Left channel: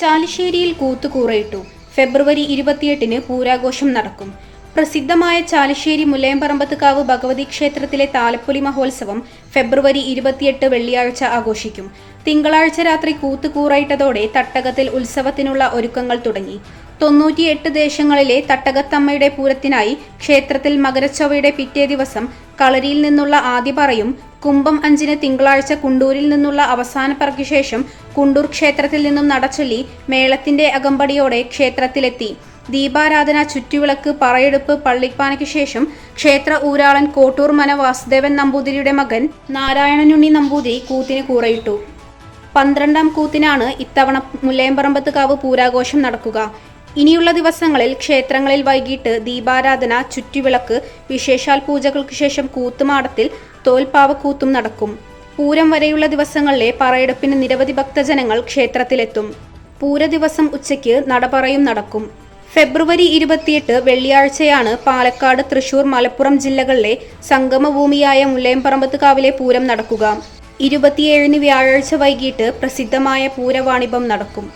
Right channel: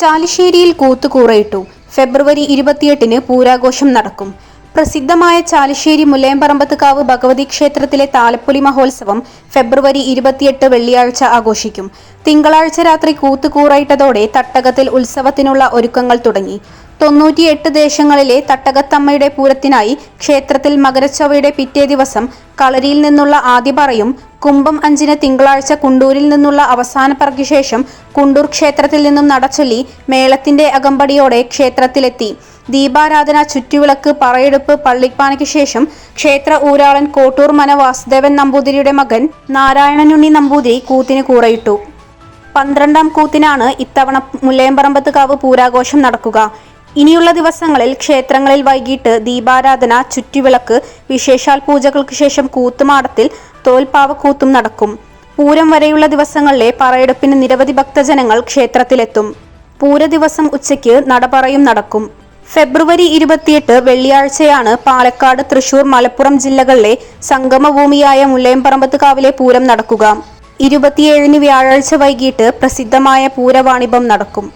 ചാലിശ്ശേരിയിൽ കൂത്തുകൂറയിട്ടു. ഫെബ്രുവരി 28-ന് പൂരാഘോഷം നടക്കും. പ്രസിദ്ധമായ ചാലിശ്ശേരി മുല്ലയംപറമ്പത്തുകാവ് ഭഗവതി ക്ഷേത്രത്തിലെ താലപ്പൊലി മഹോത്സവം ഫെബ്രുവരി 28 വെള്ളിയാഴ്ച ആഘോഷിക്കും. തിങ്കളാഴ്ച രാത്രി കൂത്തുകൂറയിട്ടതോടെ തട്ടകത്തിൽ ഉത്സവത്തിനുള്ള ഒരുക്കങ്ങൾ തുടങ്ങി. 98 ദേശങ്ങളിലെ തട്ടകത്തമ്മയുടെ പൂരത്തിനായി ക്ഷേത്രത്തിൽ മകരച്ചൊവ്വയുടെ പിറ്റേ ദിവസം കളരിയിൽ നിന്നുള്ള ആദ്യപറയും കുംഭം 5-ന് തിങ്കളാഴ്ച കുണ്ടൂരിൽ നിന്നുള്ള അവസാന പറയ്ക്ക് ശേഷം കുണ്ടൂർ ക്ഷേത്രത്തിൽ നിന്നും നടച്ചൊല്ലി മേളത്തിന്റെ അകമ്പടിയോടെ ക്ഷേത്രത്തിലെത്തി. ദീപാരാധന, ചുറ്റുവിളക്ക്, പറയെടുപ്പ്, പള്ളിപ്പാനയ്ക്ക് ശേഷം ക്ഷേത്ര ഊരാളൻ കോട്ടൂർ മന വാസുദേവൻ നമ്പൂതിരിയുടെ മകൻ നാരായണനുണ്ണി നമ്പൂതിരി കൂത്തിന് കൂറയിട്ടു. 12ാം കൂത്തിനാണ് ഇത്തവണ മുല്ലയംപറമ്പത്തുകാവ് പൂരാഘോഷം നടക്കുക. ഇനിയുള്ള ദിവസങ്ങളിൽ ക്ഷേത്രങ്ങളിൽ വൈകിട്ട് ദീപാരാധന, ചുറ്റുവിളക്ക്, വിശേഷാൽ പൂജകൾക്ക് ശേഷം കൂത്തുമാടത്തിൽ തോൽപ്പാവക്കൂത്തും നടക്കും. പൂരം വരെയുള്ള ദിവസങ്ങളിലെ പറയെടുപ്പിന് നിരവധി ഭക്തജനങ്ങൾ ക്ഷേത്രത്തിലെത്തും. പൂര ദിവസം ഉച്ചയ്ക്ക് നടപറയും നടക്കും. ഫെബ്രുവരി 28 വെള്ളിയാഴ്ചയാണ് പാലക്കാട്, തൃശൂർ, മലപ്പുറം ജില്ലകളിലെ സംഗമഭൂമിയായ മുല്ലയംപറമ്പത്തുകാവിലെ പൂരം നടക്കുക. 27-ന് വ്യാഴാഴ്ച വൈകിട്ട് പ്രസിദ്ധമായ പൂരവാണിഭം നടക്കും.